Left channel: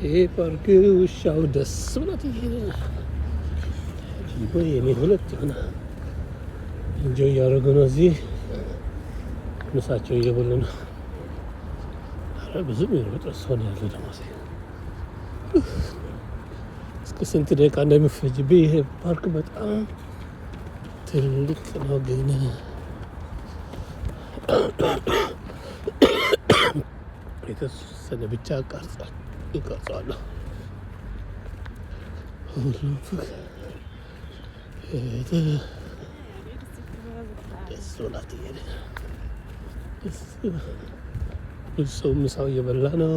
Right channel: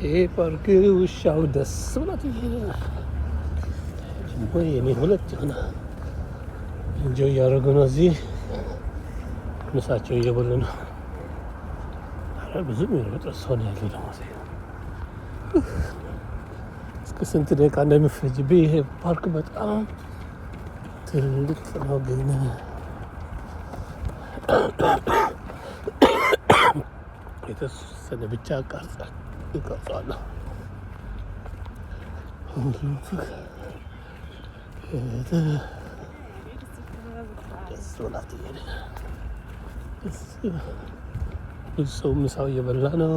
ይሄ ፓርክ ውሻው ደስ ብላት ወይ እኔ ሁለት የሆነ እንጆ እያደረጉ ነው። እዚህ ምሳቸው እየበሉ ነው። ብዙም የሚሮጥ ሰው ነው ያለው ደግሞ እስከ ስንት ደቂቃ እንደሚፈጅብኝ። ይሄ ፓርክ በጣም ትልቅ ነው ግን የተወሰነ ብቻ ይቀርጻለሁ። ሁሉም ደስ ብላት ብዙ ሰው ምሳው እየበላ ነው።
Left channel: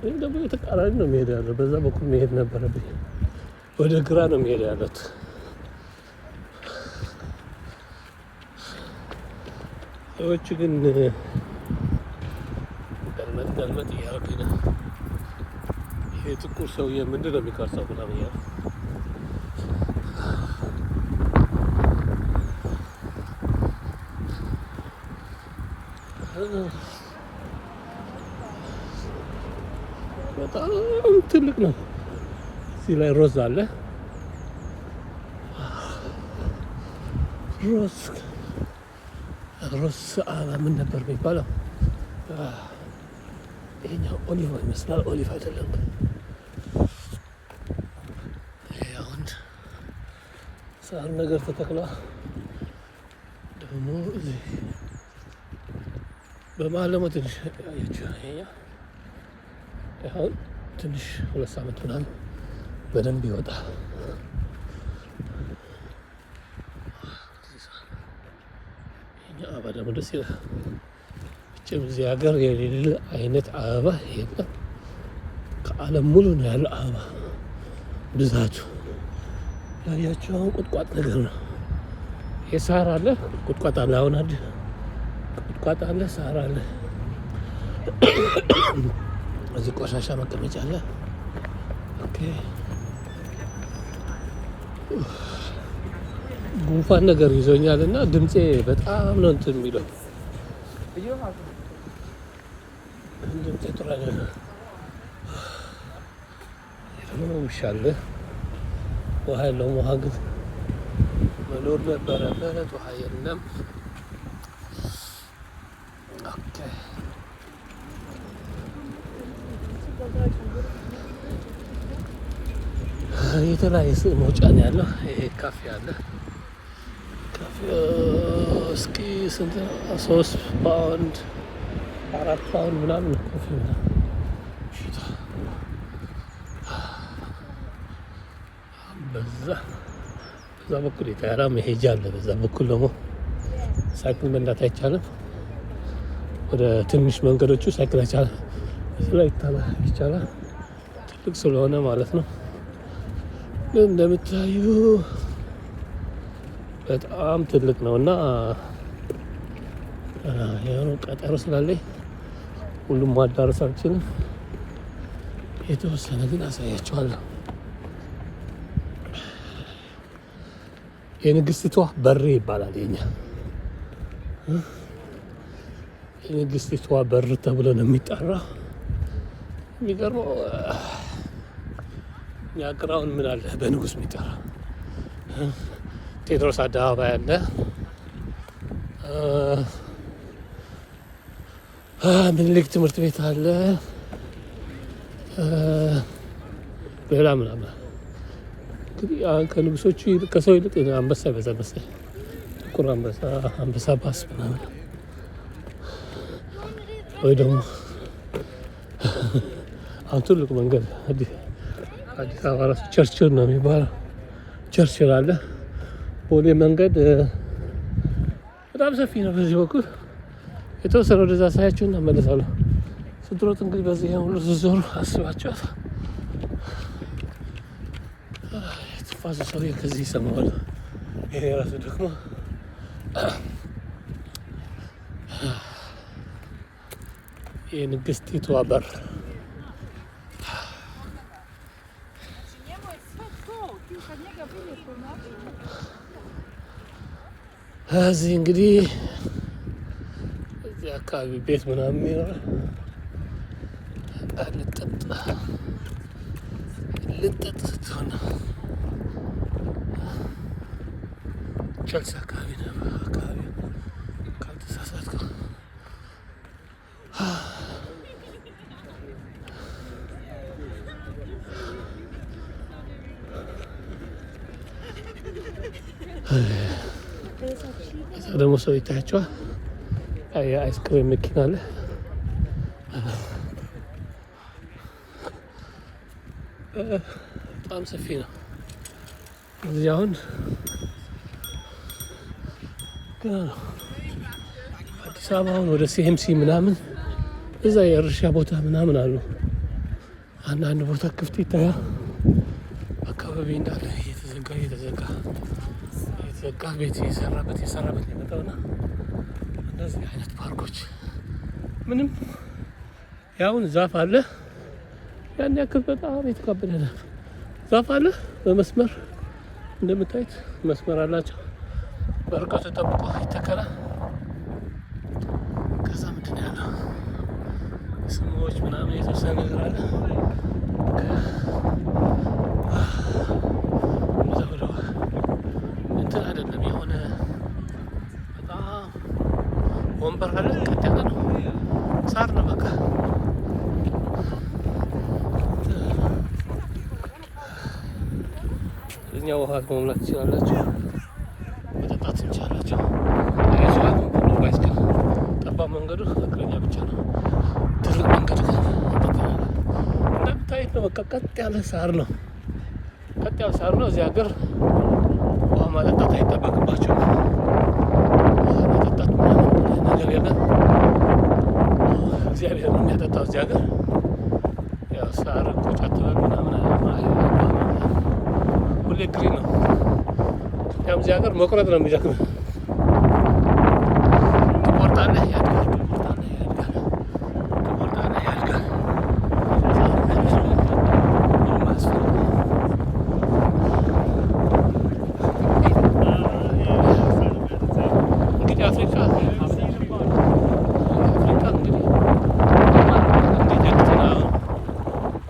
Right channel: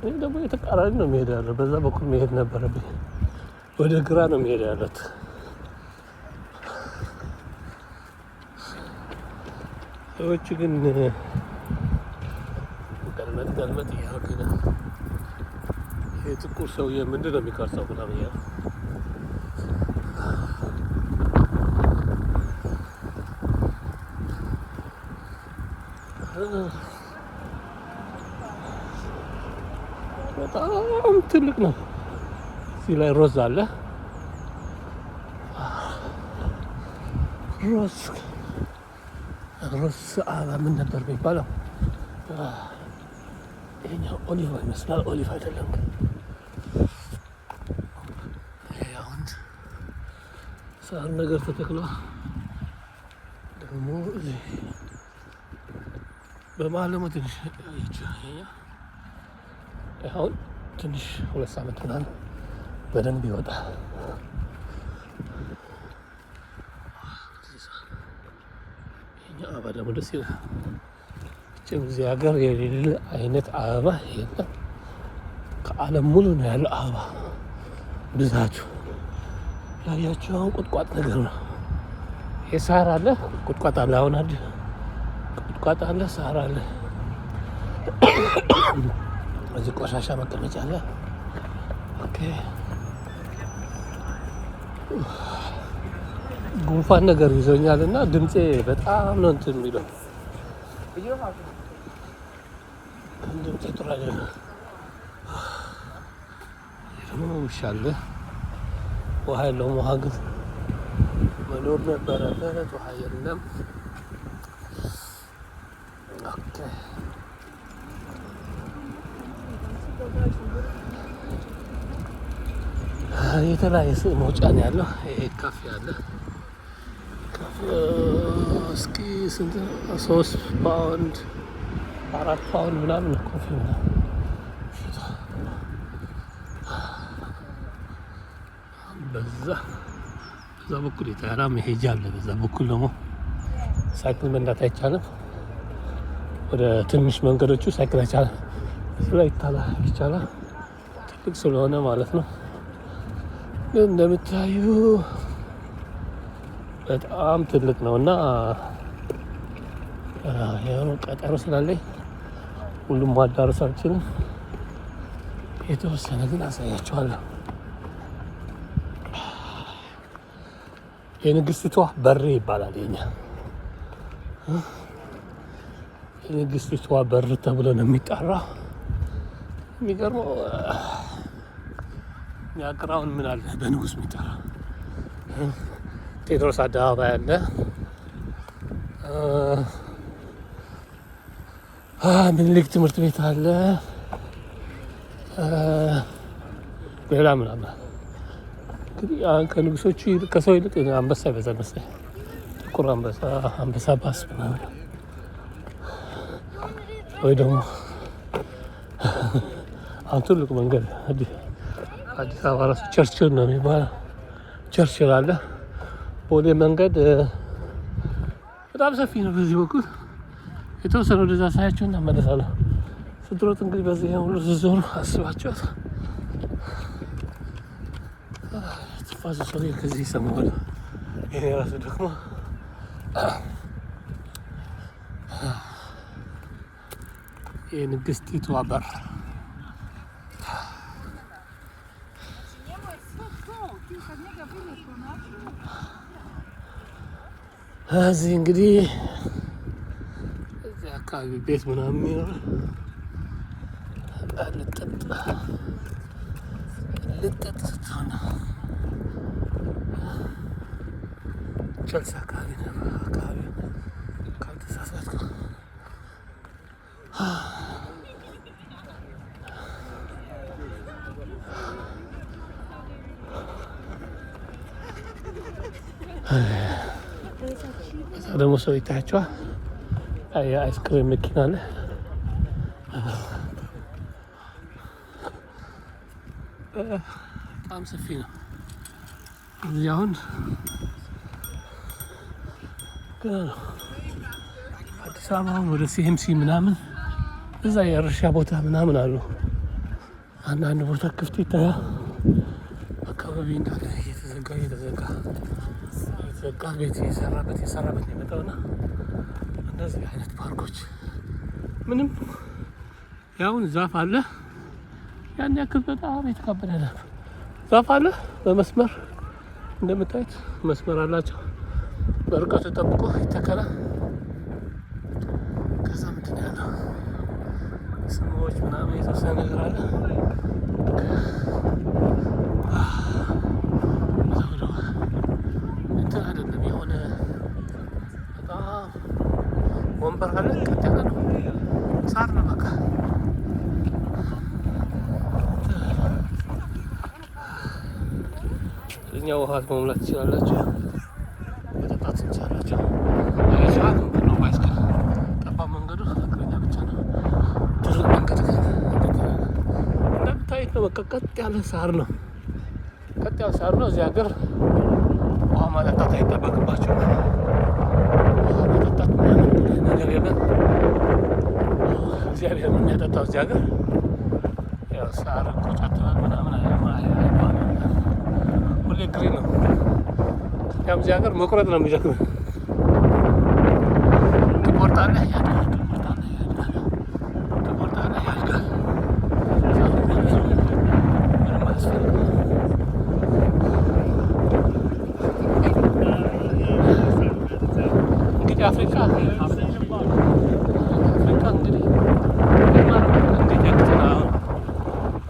ይህ ደግሞ የተቃራኒ ነው መሄድ ያለው። በዛ በኩል መሄድ ነበረብኝ። ወደ ግራ ነው መሄድ ያለት። ሰዎች ግን ገልመጥ እያደረጉኝ ነው። ይሄ ጥቁር ሰውዬ ምንድን ነው የሚቀርጸው ምናምን እያሉ በጣም ትልቅ ነው። እዚህ ላይ ሮዝ አለ። ሮዝ አበባ ምን ነበር የሚባለው? ይሄኛው ኦሊቭ ይመስላል። ኦሊቭ አይደለም። አሁን ሳር ነገር ተተክሏል። ደግሞ በመሀል ደግሞ ትንሽ ያያችሁ አሁን ትንሽ 2 ሳምንት ምናምን በደንብ ይወጣል። ይሄኛው አበባ ደግሞ ደስ ይላል። እዚህ ሀገር የሌለ አይነት አበባ የለም። ከዓለም ሙሉ ነው ያለው አበባ ብዛቱ። ያያችሁ አሁን ቁጥቋጥ ነገር ነው። የሳር አለ፣ ቁጥቋጥ አለ። አሁን ቁጥቋጥ አለ፣ ሳር አለ። እዚህ ቆሻሻ መቀመጫ አለ። ኦኬ ጉንፋን ነገር ይዞኛል እና ድምፄ በጣም ነው እንትን የሚለው። ድምፄ ጥሩ አይደለም። ደግሞ ውሻ አለ። ውሃ የለውም። ውሃ ግን መኖር ነበረበት። ውሃ የለም። ኦኬ የተለያየ መውጫ ነው ያለው። ይሄ ካፌ አለ። እስኪ ስንት 3 ፓውንድ 4 ፓውንድ ምናምን ኮፊ ምናምን በዛ በኩል የተራ መሄጃ አለ። በዛ በኩል ደግሞ ሳይክል መንዳት አይቻልም። ወደ ትንሽ መንገዶቹ ሳይክል አይቻልም። እሱ ላይ ይቻላል። ትልቅ ስለሆነ ማለት ነው። ግን እንደምታዩ በጣም ትልቅ ነው እና ያው ቀጠሮ ስላለኝ ሁሉም ማዳረስ አልችልም። የተወሰነ ግን አሳያቸዋለሁ። የንግስቲቷ በር ይባላል። የንግስቲቷ በር ተብሎ ነው የሚጠራ። የሚገርመው ያግራውን ምን አለ በንጉስ የሚጠራ ቴዎድሮስ አደባባይ አለ። ምኒልክ ትምህርት ቤት አለ። ሌላ ምናምን እንግዲህ ከንጉሶቹ ከሰው ይልቅ አንበሳ ይበዛል መሰለኝ። ጥቁር አንበሳ ባስ ምናምን ወይ ደግሞ አሁን ትልቁ መንገድ አዲስ አበባ ራሱ ቸርችል ነው የሚባለው። ቸርችል አለ። ቦሌ መንገድ በጣም ሰፊ ነው። በዚህ በኩል የተወሰነ ወደዛ ሳያችሁ እና መለሳለሁ። ስትሮጥ እንግዲህ በዚህ ሁሉ ስትዞሩ አስባችኋል። ትፋዙ ሰው ከዚህ ይሰማዋል። ይሄ ራሱ ደግሞ የንግስቲቷ በር እዚህ እንግዲህ እዚህ አካባቢ ቤት ምናምን ይኖራል። ልጠጥ ስትሆን ቸልሲ አካባቢ ነበር አካባቢው ካልተሳሳትኩ። እዛ ደግሞ ሰው ይታያቸዋል። የአይስክሬም መኪና አለ። በጣም ሰፊ ነው። እዚህ አሁን ገና ነው። አዲስ አበባ አሁን ወደ ሲኤምሲ ምናምን እዛ የእርሻ ቦታ ምናምን አሉ። አንዳንድ ቦታ ክፍት ይታያል። አካባቢ እንዳለ እየተዘጋ ቤት የሰራበት የመጣውና እንደዚህ አይነት ፓርኮች ምንም ያሁን ዛፍ አለ። ያን ያክል በጣም የተካበደ ነው። ዛፍ አለ በመስመር እንደምታዩት መስመር አላቸው። በርቀቱ ጠብቆ ይተከላል። ከዛ ምንድን ነው ያለው ስሞች ምናምን የተወሰነ ነገር አለ። እንትን አይደለም የሆነ በጣም ወንበር አለ። ቀጥ ያለ ነው። ሳር ነው በቃ። እኛ ውሃ መሙላት ትችላላችሁ፣ መጠጣት ትችላላችሁ። ባይስክል ጠባብ መንገዱ እግረኛ ብቻ ነው። ትልቅ መንገድ እንደምታዩት ነው። በቃ ቀጥ ያለ ሳር ነው። እዚህ ሀገር ውሃ ማጠጣት አይጠበቅባቸውም። መጠጣት ነገር የለም። እግዚአብሔር ነው የሚያጠጣው እዚህ ሀገር። ያው ሳር ቁጭ አትበል ምናምን ሁሌ ግሪን ነው። ያው እዚህ ሀገር መቁረጥ ነው የሚደክመው። ትቆርጣለህ፣ ያድጋል። እንግዲህ አፍሪካ እንግዲህ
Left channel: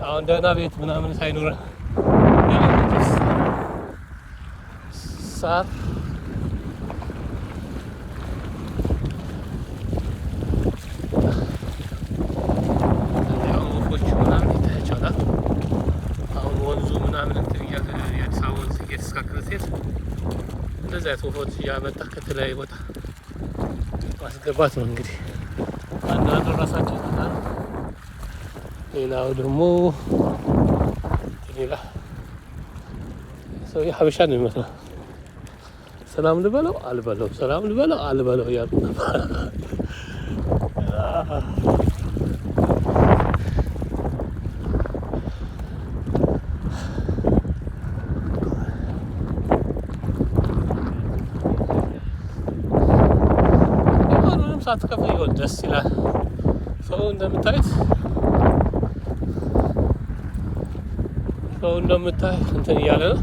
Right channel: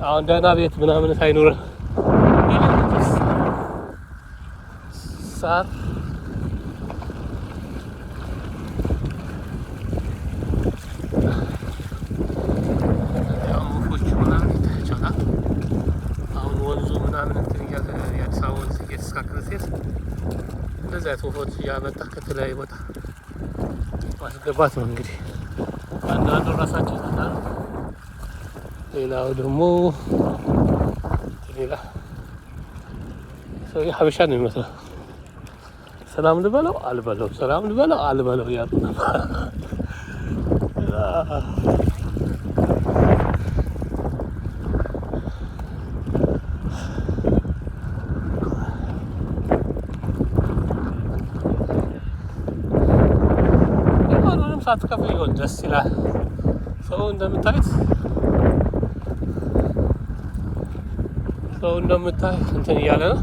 አሁን ደህና ቤት ምናምን ሳይኖርህ ሳር ወፎቹ ምናምን ይታያቸዋል። አሁን ወንዙ ምናምን የአዲስ አበባ ወንዝ እየተስካከለ ሴት እንደዚህ አይነት ወፎች እያመጣ ከተለያዩ ቦታ ማስገባት ነው እንግዲህ። አንዳንዱ ራሳቸው ይመጣሉ፣ ሌላው ደግሞ ሌላ ሰው ሀበሻ ነው ይመስላል። ሰላም ልበለው አልበለው፣ ሰላም ልበለው አልበለው እያሉ ምንም ሳትከፍል ይሆን ደስ ይላል። ሰው እንደምታዩት እንትን እያለ ነው።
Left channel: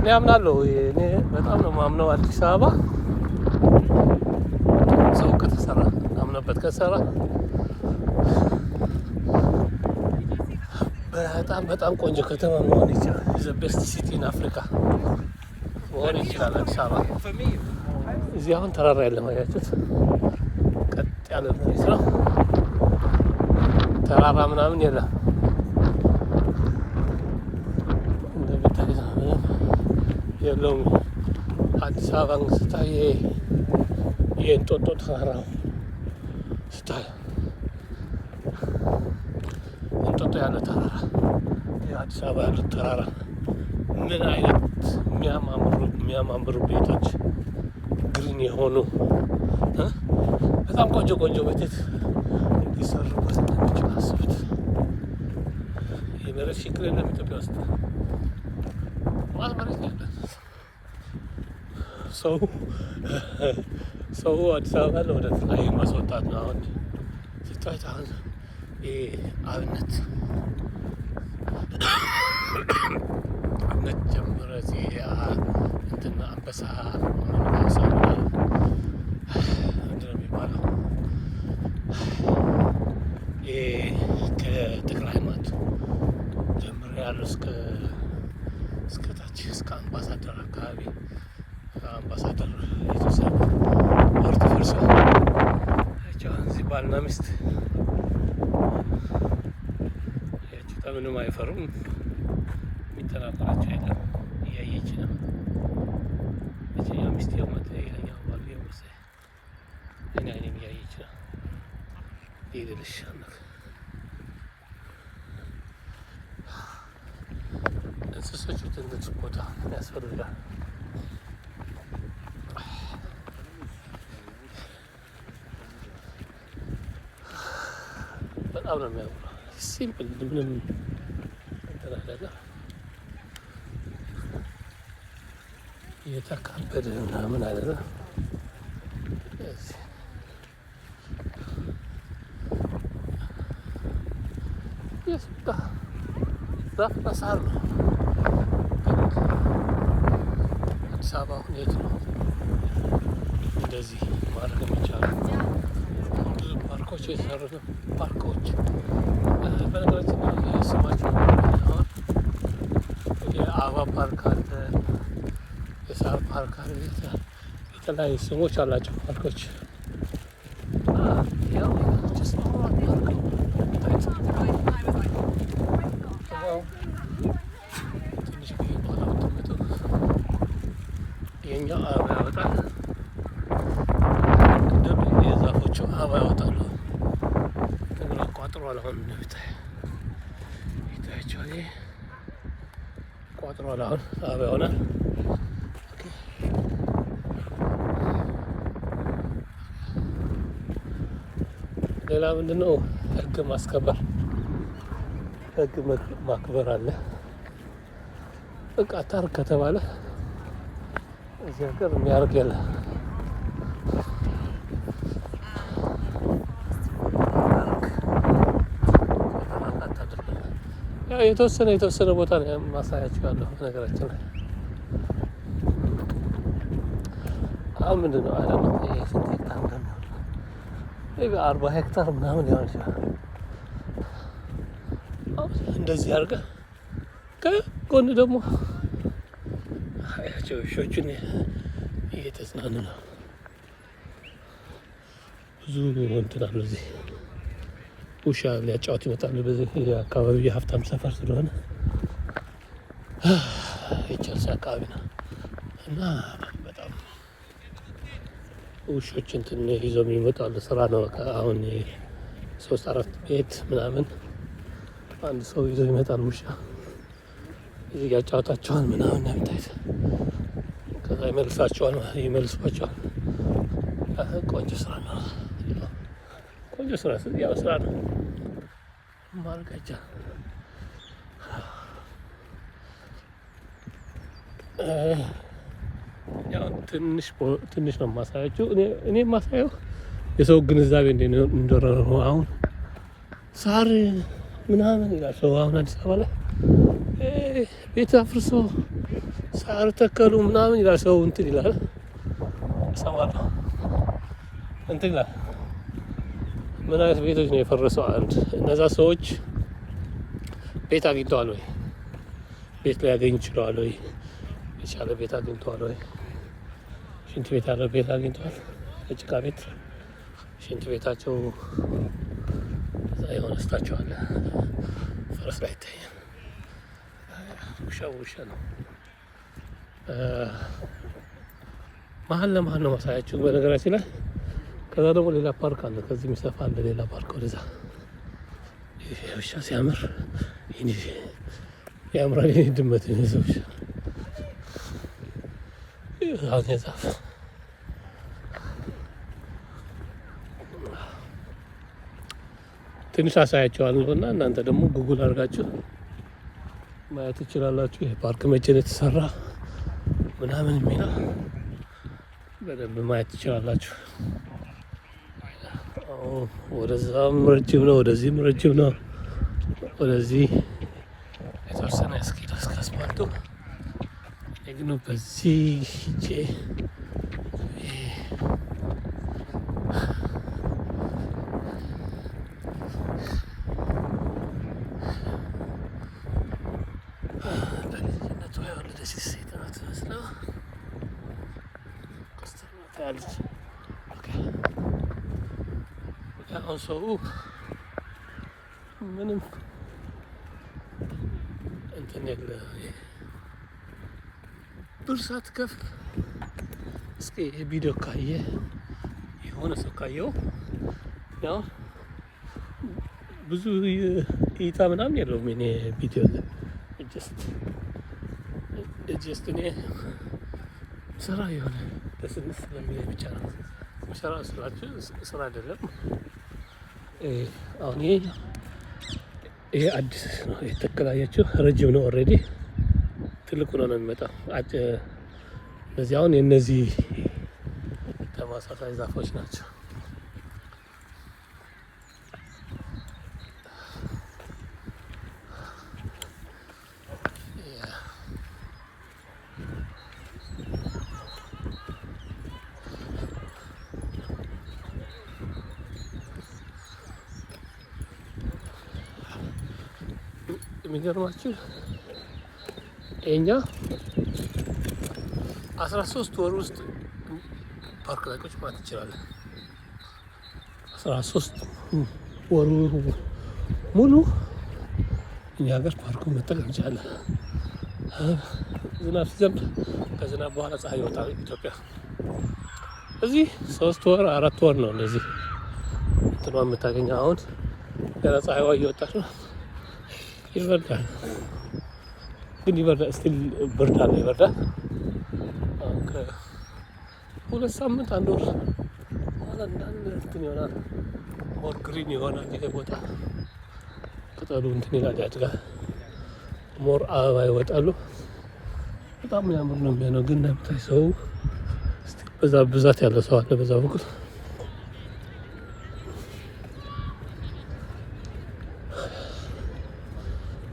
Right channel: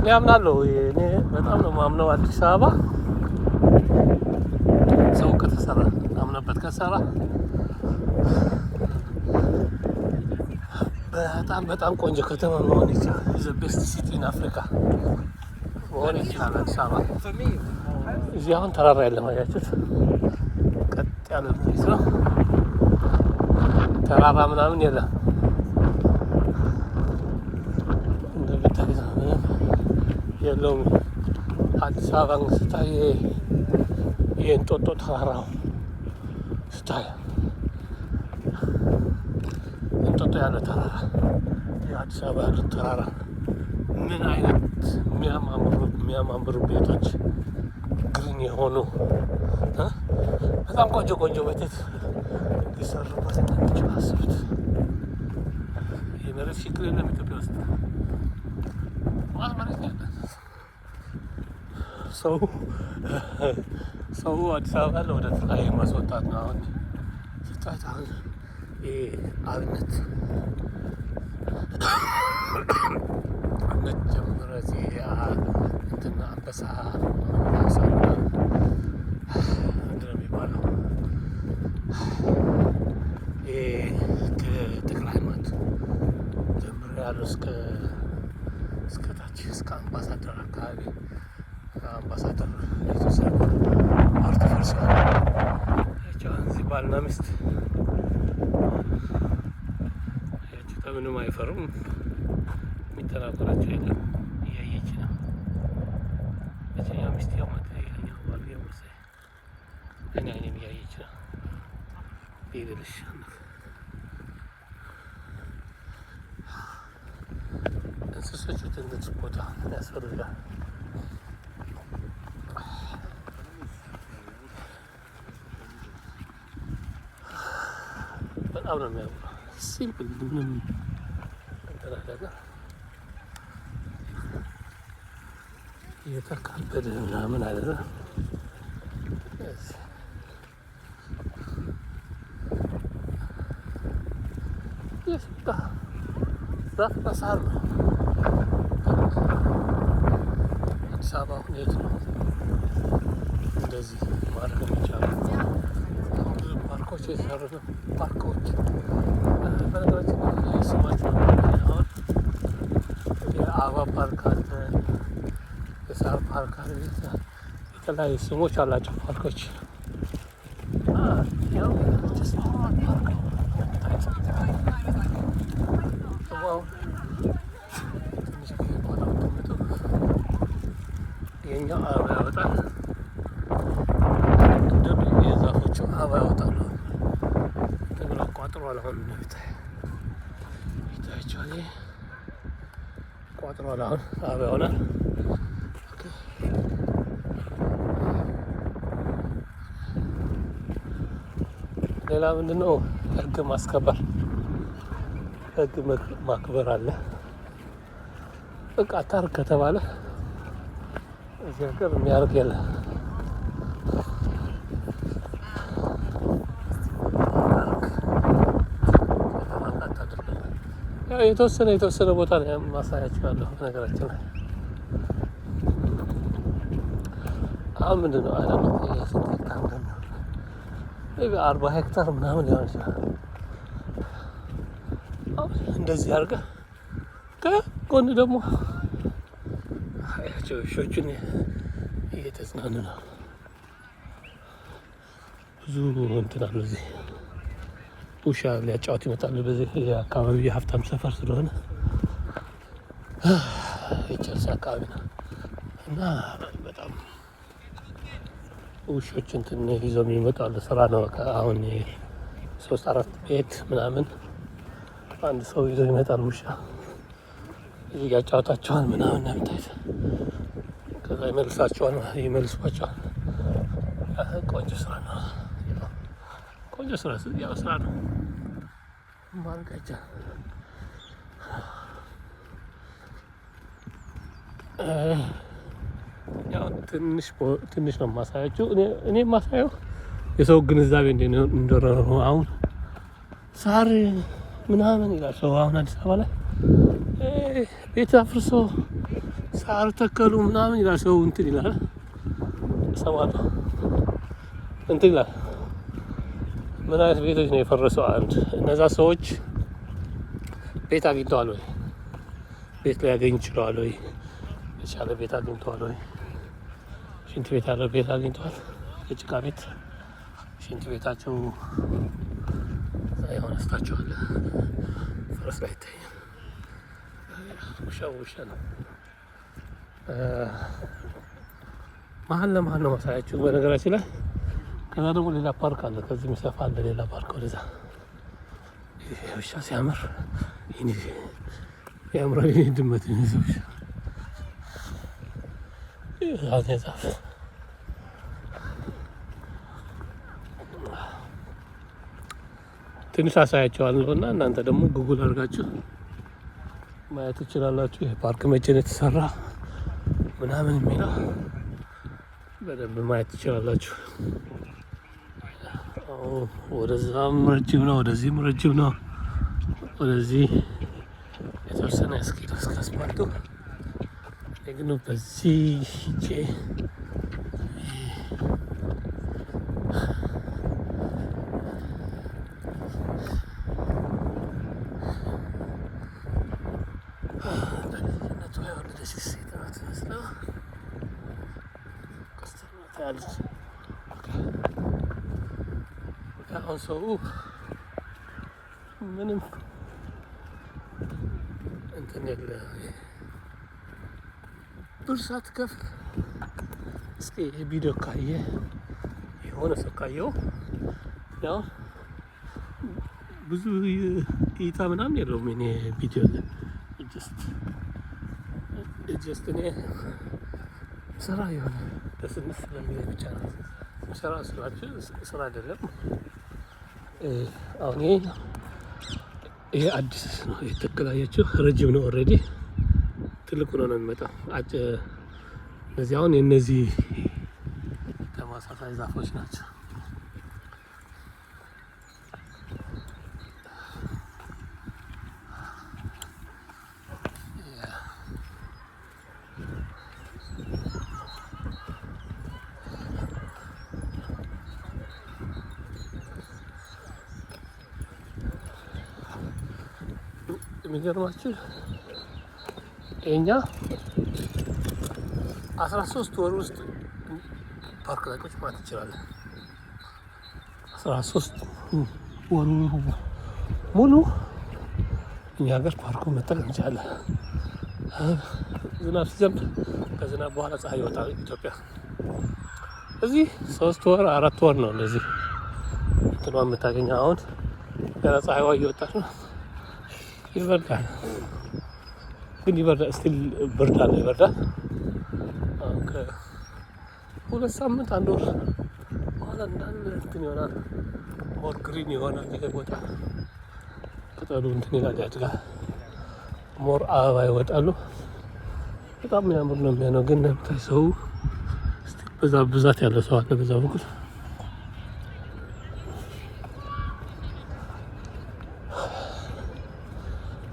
እኔ አምናለሁ። እኔ በጣም ነው የማምነው አዲስ አበባ ሰው ከተሰራ አምነበት ከሰራ በጣም ቆንጆ ከተማ መሆን ይችላል። ዘ ቤስት ሲቲ ኢን አፍሪካ መሆን ይችላል አዲስ አበባ። እዚህ አሁን ተራራ ያለ ማያችሁት ቀጥ ያለ መሬት ነው። ተራራ ምናምን የለም። እንደምታዩት ምንም የለውም። አዲስ አበባን ስታይ የእንጦጦ ተራራው ስታይ ያለ ተራራ የአዲስ አበባ ያለ ተራራ ምን አይነት የሚያማምሩ ቤቶች ግሪን የሆኑ በጣም ቆንጆ ቤቶች ሊሰሩበት እንደሚችሉ አስቡት። የመሬት ችግር የለም ኢትዮጵያ ውስጥ መሬት ነው ያለን። ሰው አዲስ አበባ ወደ ላይ ማስወጣት ነው። አሁን ስታዩት አሁን አብነት ጀምሮ እንትን አንበሳ ምንድን ነው የሚባለው ከተክለ ሃይማኖት ጀምሮ ያለው እስከ ታች እስከ አምባሳደር አካባቢ አምባሳደር የተወሰነ ፓርቲ ፈርሷል። እዚህ ባልና ሚስት ምንም አይፈሩም። የሚተናኮላቸው የለም። እያየች ነው። ሚስት ያማት ሌላኛው ባሉ የመሳይ አይኔም እያየች ነው። ይልልሽ እንስሶቹ ትንሽ ቦታ ያስፈልጋል። በጣም ነው የሚያምረው። ሲምፕል ምንም ተላላላ የተካበደ ምናምን አለ። የሱቃ ዛፍ በሳር ነው። አዲስ አበባ አሁን የት ነው እንደዚህ ማድረግ የሚቻለው? ብዙ ፓርኮች የተሰሩ ነው። ፓርኮች በነገራችን ላይ ስማቸው የአበባ ፓርክ አለ፣ የሳር ፓርክ አለ። የተለያዩ ስሞች አላቸው ፓርኮች። ያው ትንሽ በኋላ የኛ አበባ ያወጣል። የዛፎቹ አበባ ያወጣሉ። ተግራ ቋጥሯል። አሁን ይታያቸዋል። ቋጥሯል። አሁን አበባ ይሆናል። ሌላ ምንድነው? ህግ ማስከበር፣ ህግ ማክበር አለ። በቃ አታርግ ከተባለ እዚህ ሀገር የሚያደርግ የለ። ያው የተወሰነ ቦታ ነው ማሳያችኋለሁ። ነገራችን ላይ አሁን ምንድነው አለ ነው 40 ሄክታር ምናምን ሊሆን ይችላል። እንደዚህ አድርገህ ከጎን ደግሞ አያቸው ውሾችን እየተዝናኑ ነው። ብዙ እንትን አሉ እዚህ ውሻ ሊያጫወት ይመጣሉ። በዚህ አካባቢ የሀብታም ሰፈር ስለሆነ የቸልሲ አካባቢ ነው እና በጣም ውሾች እንትን ይዘው የሚመጣሉ። ስራ ነው በቃ። አሁን 3-4 ቤት ምናምን አንድ ሰው ይዘው ይመጣል። ውሻ ያጫወታቸዋል ምናምን ያምታይት፣ ከዛ ይመልሷቸዋል። ቆንጆ ስራ ነው። ቆንጆ ስራ ያው ስራ ነው ማለት አይቻልም። ያው ትንሽ ነው የማሳያችሁ። እኔ የማሳየው የሰው ግንዛቤ እንደሆነ ነው። አሁን ሳር ምናምን ይላል ሰው። አሁን አዲስ አበባ ላይ ቤት አፍርሶ ሳር ተከሉ ምናምን ይላል ሰው። እንትን ይላል እሰማለሁ። እንትን ይላል። ምን አይነት ቤቶች ነው የፈረሰው? አንድ እነዛ ሰዎች ቤት አግኝተዋል ወይ? ቤት ላይ ያገኝ ይችላል ወይ? የቻለ ቤት አግኝተዋል ወይ? ሽንት ቤት ያለው ቤት አግኝተዋል? የጭቃ ቤት ሽንት ቤታቸው እዛ የሆነ ስታቸዋል። ፈረስ ላይ ይታያል። ውሻ ነው። መሀል ለመሀል ነው ማሳያችሁ በነገራችን ላይ። ከዛ ደግሞ ሌላ ፓርክ አለ። ከዚህ የሚሰፋ አለ ሌላ ፓርክ ወደዛ። ውሻ ሲያምር ያምራል። ድመት ሰው ዛፍ ትንሽ አሳያቸዋለሁ እና እናንተ ደግሞ ጉግል አድርጋችሁ ማየት ትችላላችሁ። ይህ ፓርክ መቼ ነው የተሰራ ምናምን የሚለው በደንብ ማየት ትችላላችሁ። ወደዛም ረጅም ነው፣ ወደዚህም ረጅም ነው። ወደዚህ የተወሰነ እስኪ አስፓልቱ ግን በዚህ ሂጄ አሁን ሰው ምንም እንትን የለ ብር ሳትከፍል እስኪ ቪዲዮ ካየ የሆነ ሰው ካየው ያው ብዙ እይታ ምናምን የለውም። እኔ ቪዲዮ ጀስት እኔ ስራ የሆነ በስንት ስለሚለኝ ብቻ ነው ስራ ስራችሁ ስራ አይደለም። አሁን ይሄ አዲስ ነው የተከላያችሁ፣ ረጅም ነው ኦልሬዲ ትልቁ ነው የሚመጣው። እነዚህ አሁን የነዚህ ተመሳሳይ ዛፎች ናቸው። የሚገርማችሁ እኛ 13 ወር ውስጥ ፓርክ ላይ ቁጭ ማለት እንችላለን። 13 ወሩ ሙሉ እኛ ሀገር ፓርኩን መጠቀም እንችላለን። ዝናብ ሲዘንብ ከዝናብ በኋላ ፀሐይ ይወጣል ኢትዮጵያ። እዚህ 3 ወር 4 ወር ነው እንደዚህ እንትኗ የምታገኘው። አሁን ገና ፀሐይዋ እየወጣች ነው። ይበርዳል ግን ይበርዳል፣ ስቲል ብርድ አለ፣ ይበርዳል። ከ2 ሳምንት 1 ወር በኋላ እንዳለ እንትን ይሆናል፣ ሞር ግሪን ይሆናል። ይሄ ቦታ ቅጠሉ እንትን ይላል፣ ያድጋል፣ ሞር አበባ ይወጣሉ። በጣም የሚያምር ነው የሚሆነው። ግን ሰው በዛ ብዛት ያለ ሰው አለ በዛ በኩል።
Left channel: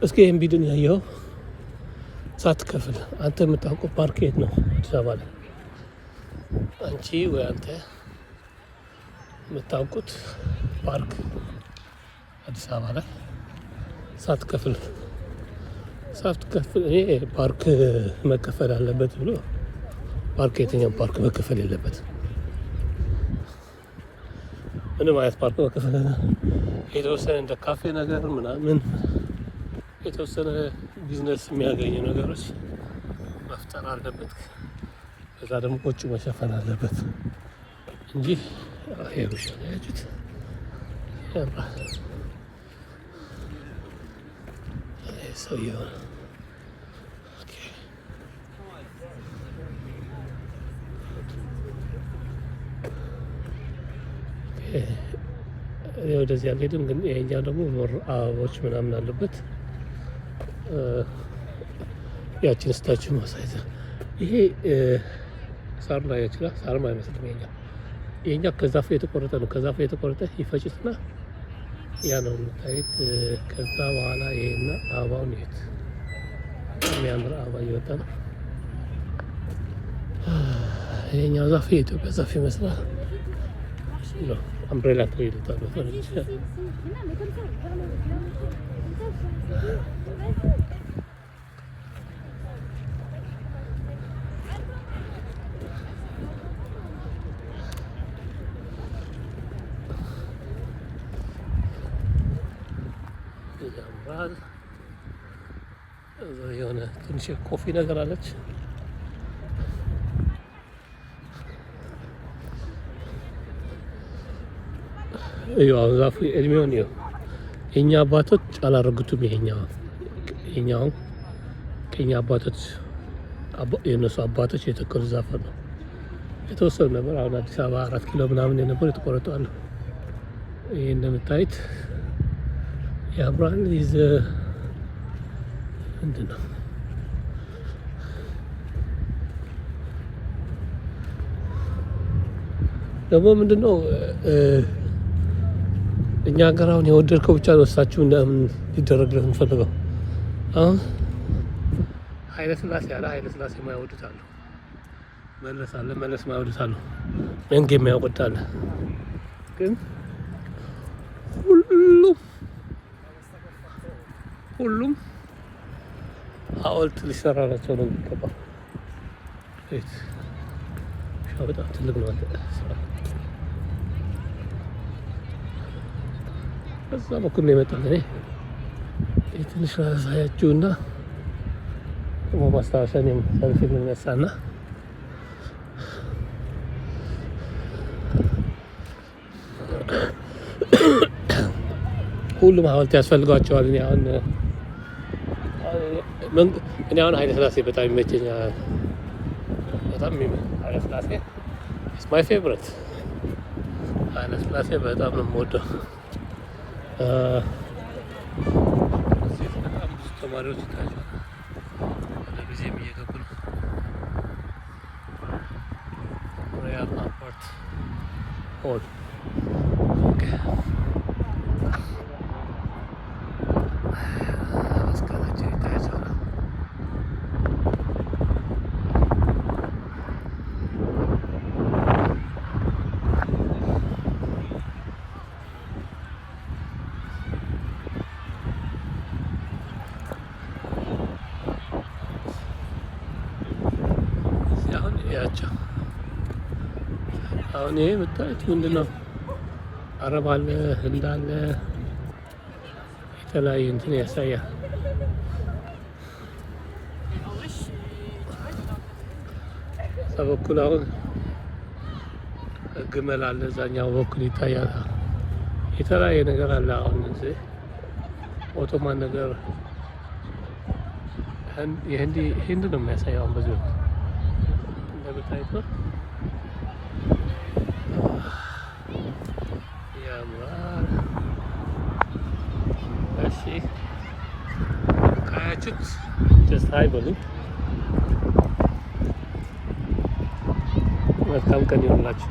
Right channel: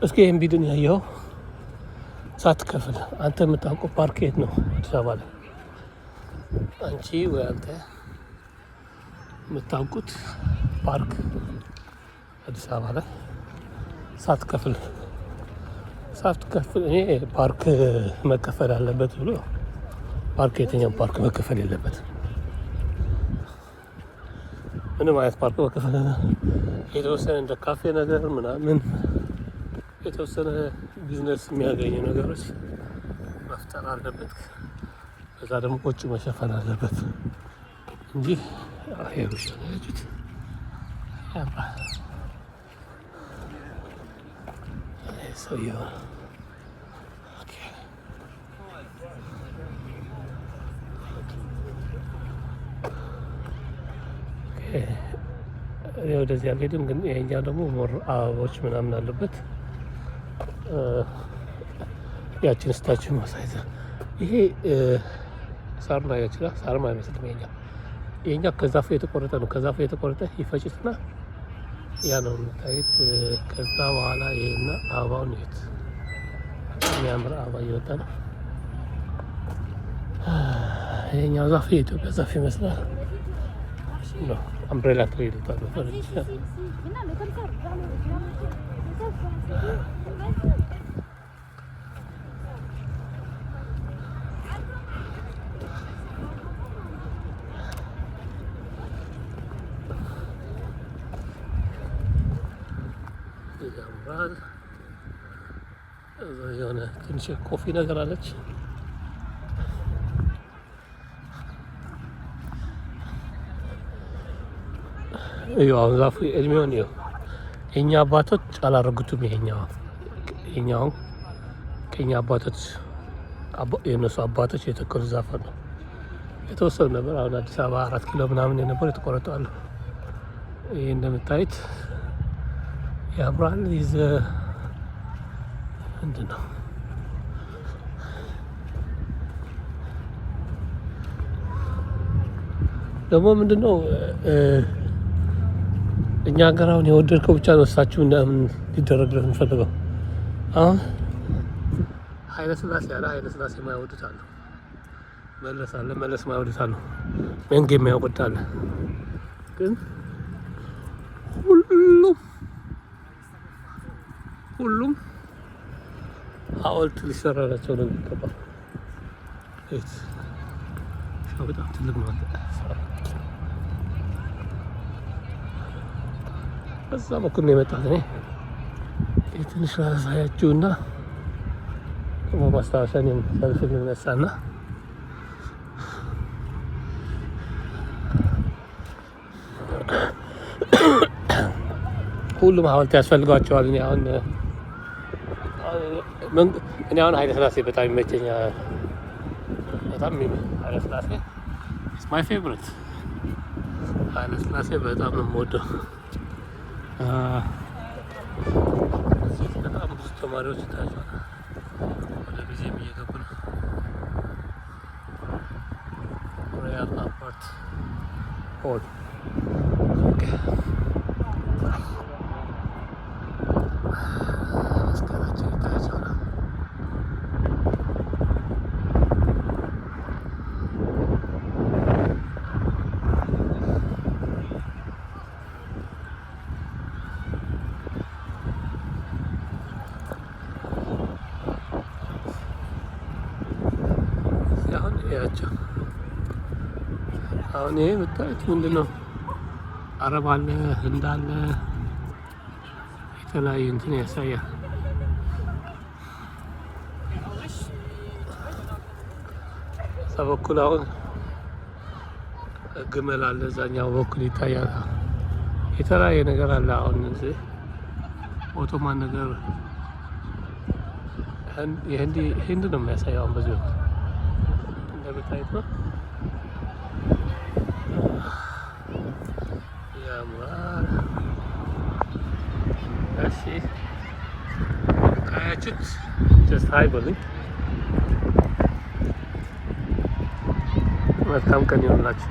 እስኪ ይህን ቢድን ያየኸው ሳትከፍል አንተ የምታውቀው ፓርክ የት ነው? አዲስ አበባ ላይ አንቺ ወይ አንተ የምታውቁት ፓርክ አዲስ አበባ ላይ ሳትከፍል እኔ ፓርክ መከፈል አለበት ብሎ ፓርክ የትኛው ፓርክ መከፈል የለበት። ምንም አይነት ፓርክ መከፈል የተወሰነ እንደ ካፌ ነገር ምናምን የተወሰነ ቢዝነስ የሚያገኙ ነገሮች መፍጠር አለበት። በዛ ደግሞ ቆጭ መሸፈን አለበት እንጂ ይሄውሽ ነው ያጁት ያባል ሰውየው ወደዚህ አልሄድም። ግን ይሄኛው ደግሞ ሞር አበቦች ምናምን አለበት። ያችን ስታችን ማሳየት ይሄ ሳር ላይ ይችላል። ሳርም አይመስልም። ይሄኛው ከዛፉ የተቆረጠ ነው። ከዛፉ የተቆረጠ ይፈጭትና ያ ነው የምታዩት። ከዛ በኋላ ይሄና አበባውን ይሄት የሚያምር አበባ እየወጣ ነው። ይሄኛው ዛፍ የኢትዮጵያ ዛፍ ይመስላል። አምብሬላ ትሪ ይሉታል። ያምራል። የሆነ ትንሽ ኮፊ ነገር አለች። አሁን ዛፉ እድሜውን የኛ አባቶች አላረጉትም። ይሄኛው ከኛ አባቶች የነሱ አባቶች የተከሉ ዛፍ ነው። የተወሰኑ ነበር። አሁን አዲስ አበባ 4 ኪሎ ምናምን የነበሩ የተቆረጡ አሉ። ይህ እንደምታዩት ያምራል። ምንድን ነው ደግሞ ምንድን ነው እኛ ሀገር አሁን የወደድከው ብቻ ነው እሳችሁ እንደምን ሊደረግለት የምፈልገው። አሁን ኃይለ ሥላሴ የማይወዱት አሉ። መለስ የማይወዱት አሉ። መንጌ የማይወዱት አለ። ግን ሁሉም ሐውልት ሊሰራላቸው ነው የሚገባው። በጣም ትልቅ ነው። በዛ በኩል ነው የመጣሁት እኔ። ትንሽ ላሳያችሁና ማስታወሻ ሰልፍ ልነሳና ሁሉም ሐውልት ያስፈልጓቸዋል። እኔ አሁን ኃይለ ሥላሴ በጣም ይመቸኛል። በጣም ኃይለ ሥላሴ ኢትስ ማይ ፌቨሪት። ኃይለ ሥላሴ በጣም ነው የምወደው። በጣም ብዙ ተማሪዎች ይታያቸዋል። ወደ ጊዜም እየገቡ ነው። ሮያል አልበርት ሆል መስቀላቸው ይታያቸዋል። አሁን ይሄ የምታዩት ምንድን ነው? አረብ አለ፣ ህንድ አለ፣ የተለያየ እንትን ያሳያል። እዛ በኩል አሁን ግመል አለ፣ እዛኛው በኩል ይታያል። የተለያየ ነገር አለ። አሁን እዚህ ኦቶማን ነገር ህንድ ነው የሚያሳየው። አሁን በዚህ ወቅት እንደምታዩት ነው። ያምራል። እሺ ካያችሁት ጀስት ሃይ በሉኝ። መልካም ቀን ይሁንላችሁ።